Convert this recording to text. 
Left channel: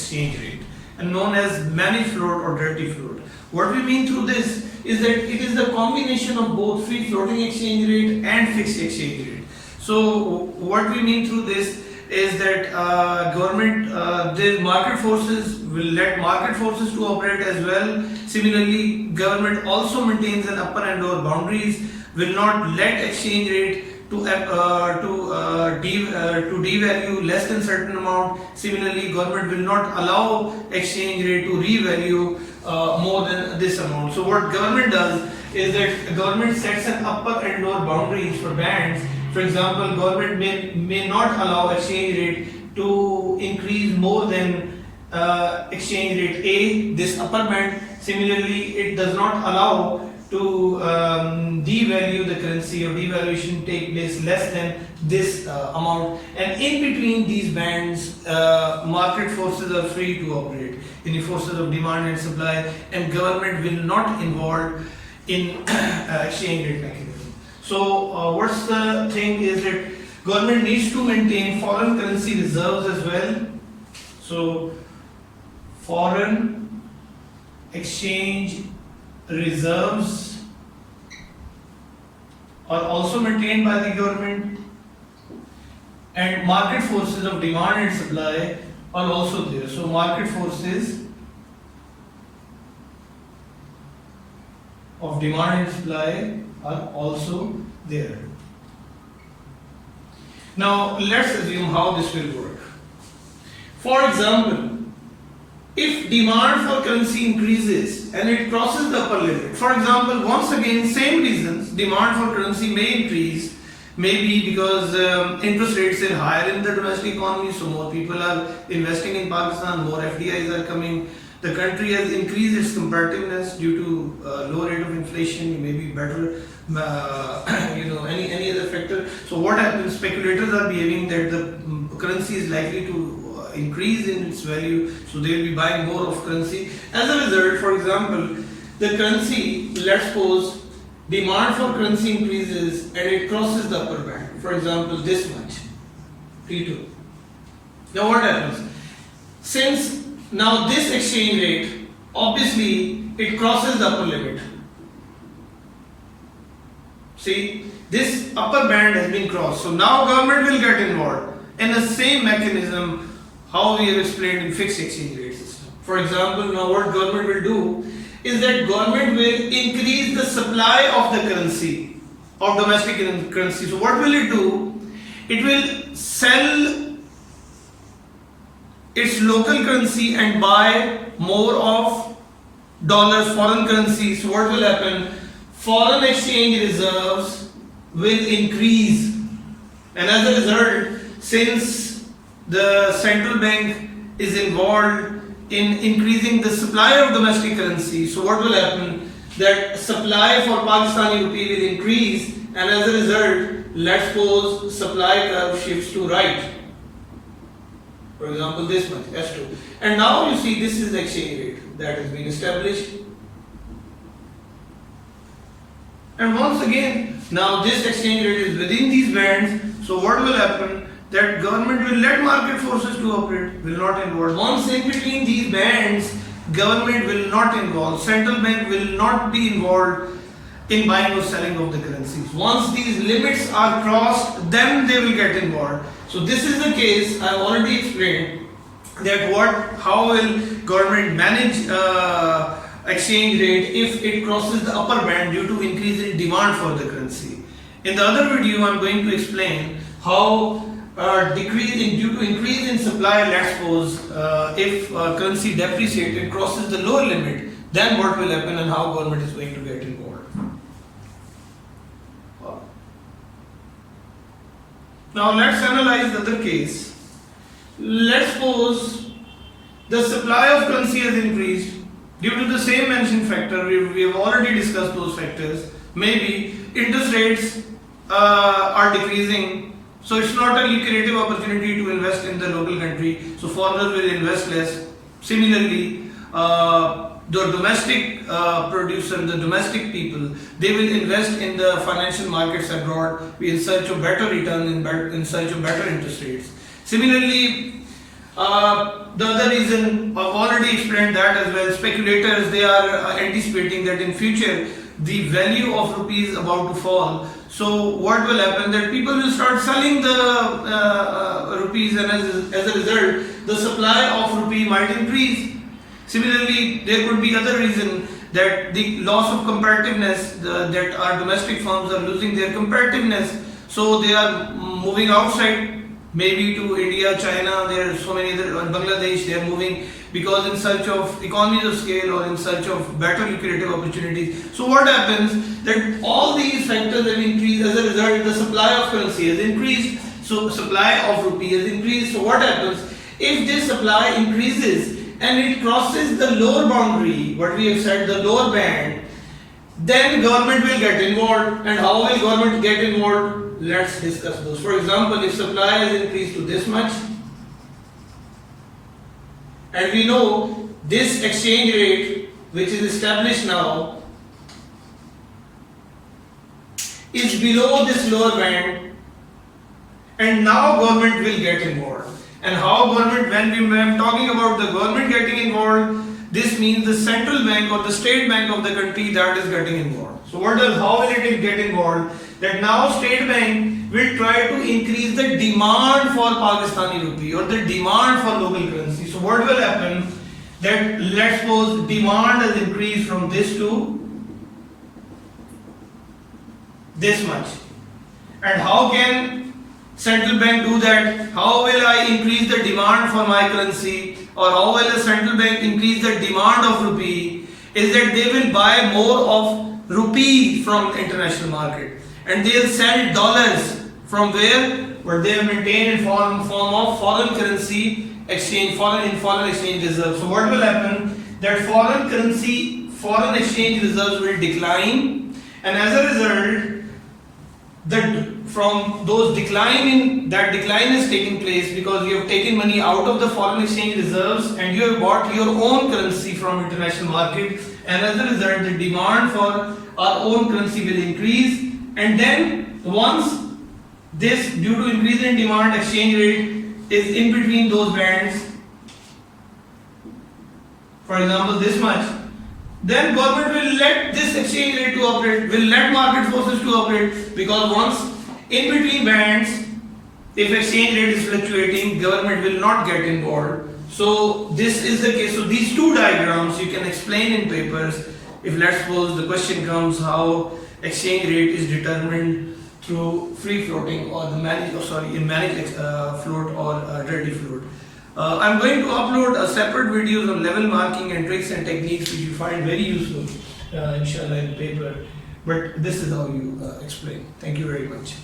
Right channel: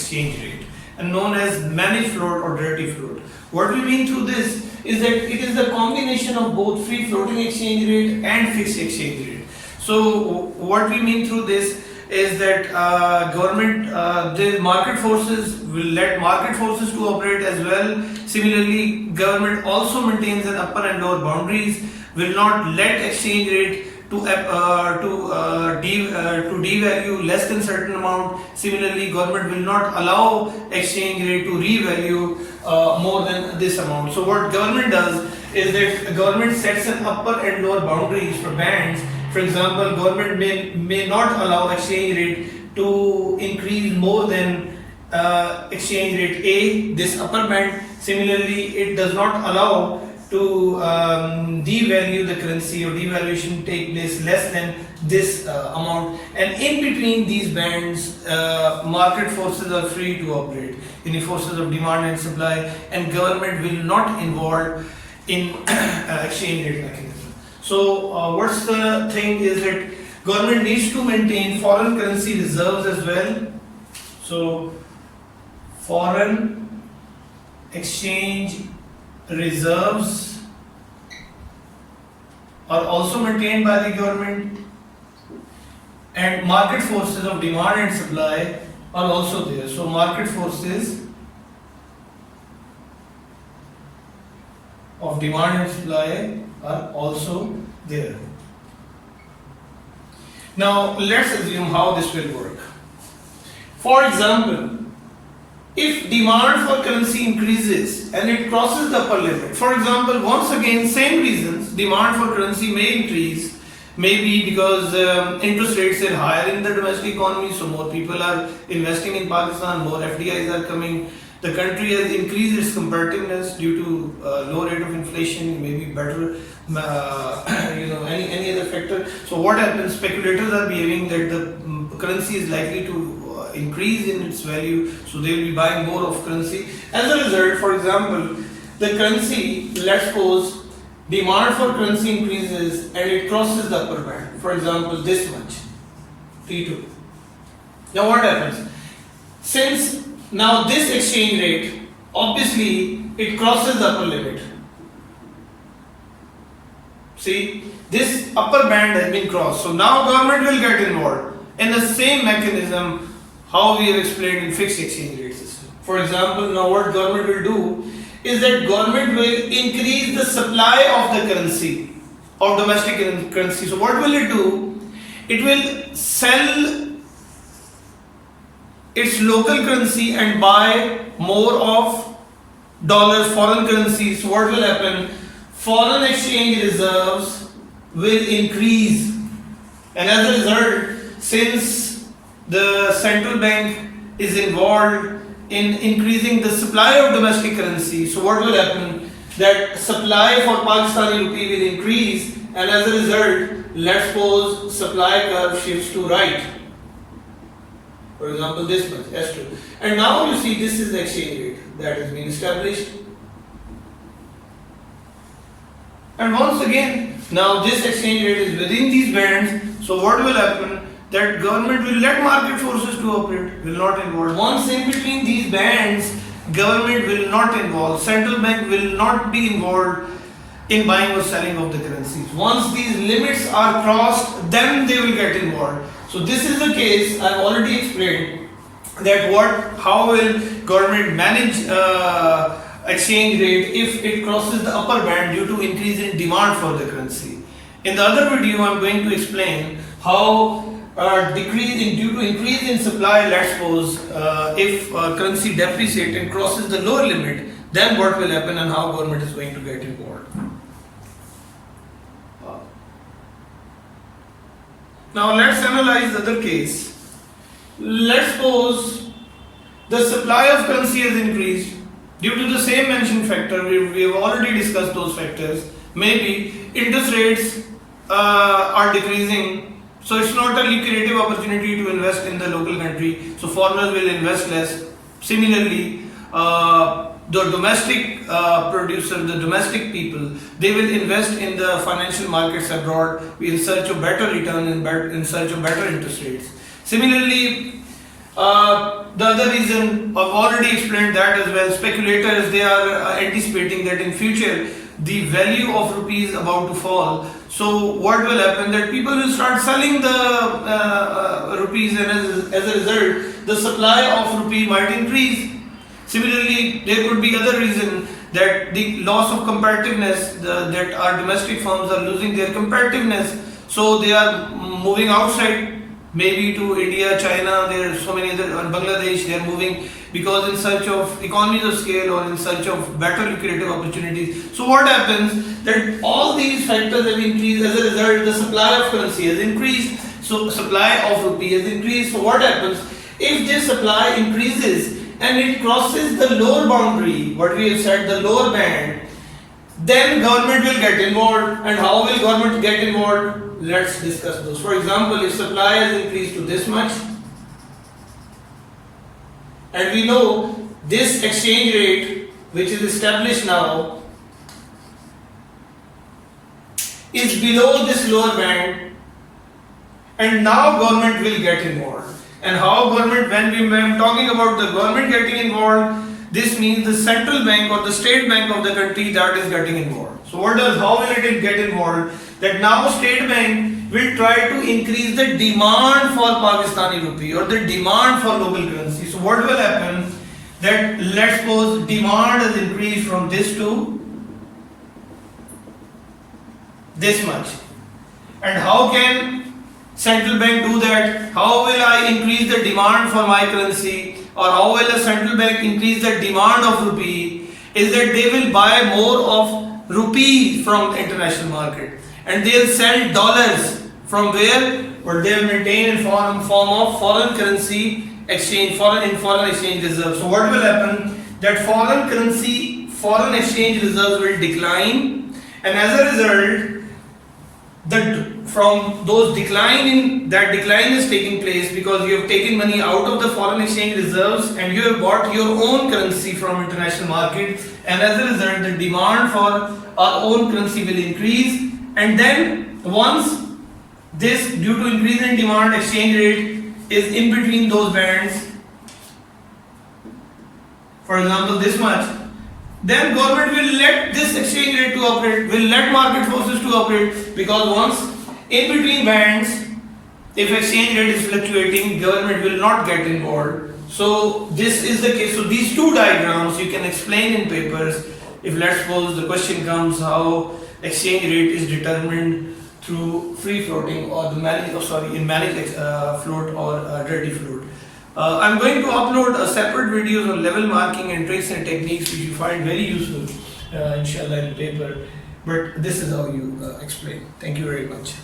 exchange rate and known as managed float or dirty float. What we mean through this is that it is the combination of both free floating exchange rate and fixed exchange rate. So what we mean through this is that the market forces will let market forces to operate as well. Similarly, government also maintains an upper and lower boundaries, will not let exchange rate to devalue less than certain amount. Similarly, government will not allow exchange rate to revalue more than this amount. So what government does is that the government sets an upper and lower boundaries for bands. For example, government may not allow exchange rate to increase more than exchange rate A, this upper band. Similarly, it does not allow to devalue the currency or devaluation take place less than this amount, and in between these bands market forces are free to operate in the forces of demand and supply, and government will not involve in exchange rate mechanism. So what's the thing is that government needs to maintain foreign currency reserves as well. So foreign exchange reserves are also maintained by the government, and market forces of demand and supply are also there. So market forces of demand and supply are also there. Now let's assume how this will work. For example, if demand for currency increases and it crosses the upper limit, for example, once again, same reasons, demand for currency may increase, maybe because interest rates are higher in the domestic economy, so more people are investing in Pakistan, more FDIs are coming. The country has increased its competitiveness due to low rate of inflation, maybe better, any other factor. So what happens? Speculators are behaving that the currency is likely to increase in its value, so they will be buying more of currency. As a result, for example, the currency, let's suppose demand for currency increases and it crosses the upper band, for example this much, T2. Now what happens? Since now this exchange rate, obviously it crosses the upper limit. See, this upper band has been crossed, so now government will get involved in the same mechanism how we have explained in fixed exchange rate system. For example, now what government will do is that government will increase the supply of the currency, of domestic currency. So what will it do? It will sell its local currency and buy more of dollars, foreign currency. So what will happen? Foreign exchange reserves will increase, and as a result, since the central bank is involved in increasing the supply of domestic currency, so what will happen? That supply for Pakistani rupee will increase, and as a result, let's suppose supply curve shifts to right. For example, this much, S2. And now you see this is the exchange rate that is being established. And once again, now this exchange rate is within these bands, so what will happen? That government will let market forces to operate, will not involve. Once in between these bands, government will not involve, central bank will not be involved in buying or selling of the currencies. Once these limits are crossed, then they will get involved. So this is the case, I already explained that how will government manage exchange rate if it crosses the upper band due to increase in demand for the currency. In the other video, I am going to explain how due to increase in supply, let's suppose if currency depreciates and crosses the lower limit, then what will happen and how government is going to get involved. Now let's analyze the other case. Let's suppose the supply of currency has increased due to the same mentioned factor. We have already discussed those factors. Maybe interest rates are decreasing, so it's not a lucrative opportunity to invest in the local country, so foreigners will invest less. Similarly, the domestic producer, the domestic people, they will invest in the financial markets abroad in search of better return, in search of better interest rates. Similarly, The other reason, I've already explained that as well. Speculators, they are anticipating that in future the value of rupee is about to fall. So what will happen, that people will start selling the rupees, and as a result the supply of rupee might increase. Similarly, there could be other reason, that the loss of competitiveness, that our domestic firms are losing their competitiveness, so they are moving outside, maybe to India, China, there are so many other, Bangladesh, they are moving because in search of economies of scale or in search of better lucrative opportunities. So what happens, that all these factors have increased, as a result the supply of currency has increased, so supply of rupee has increased. So what happens, if this supply increases and it crosses the lower boundary, what we have said, the lower band, then government will get involved. And how will government get involved? Let's discuss those. For example, if supply has increased to this much, and we know this exchange rate which is established now is below this lower band, and now government will get involved. And how government, when I'm talking about the government getting involved, this means the central bank or the state bank of the country that is getting involved. So how will it get involved? That now state bank will try to increase the demand for Pakistani rupee or the demand for local currency. So what will happen, that let's suppose demand has increased from this to this much. And how can central bank do that? How will I increase the demand for my currency, or how will a central bank increase the demand of rupee? Is that they will buy more of rupee from the international market, and they'll sell dollars from where? What they will maintain in form of foreign currency exchange, foreign exchange reserves. So what will happen, that foreign exchange reserves will decline, and as a result from those that decline is taking place because you have taken money out of the foreign exchange reserves and you have bought your own currency from international market, and as a result the demand for our own currency will increase. And then once this, due to increase in demand, exchange rate is in between those bands, for example this much, then government will let this exchange rate to operate, will let market forces to operate, because once in between bands, if exchange rate is fluctuating, government will not get involved. So this is the case. So these two diagrams you can explain in papers. If let's suppose the question comes how exchange rate is determined through free floating or managed float or dirty float. I'm going to upload a separate videos on level marking and tricks and techniques which you find very useful inshallah in paper, but this is how you explain. Thank you very much.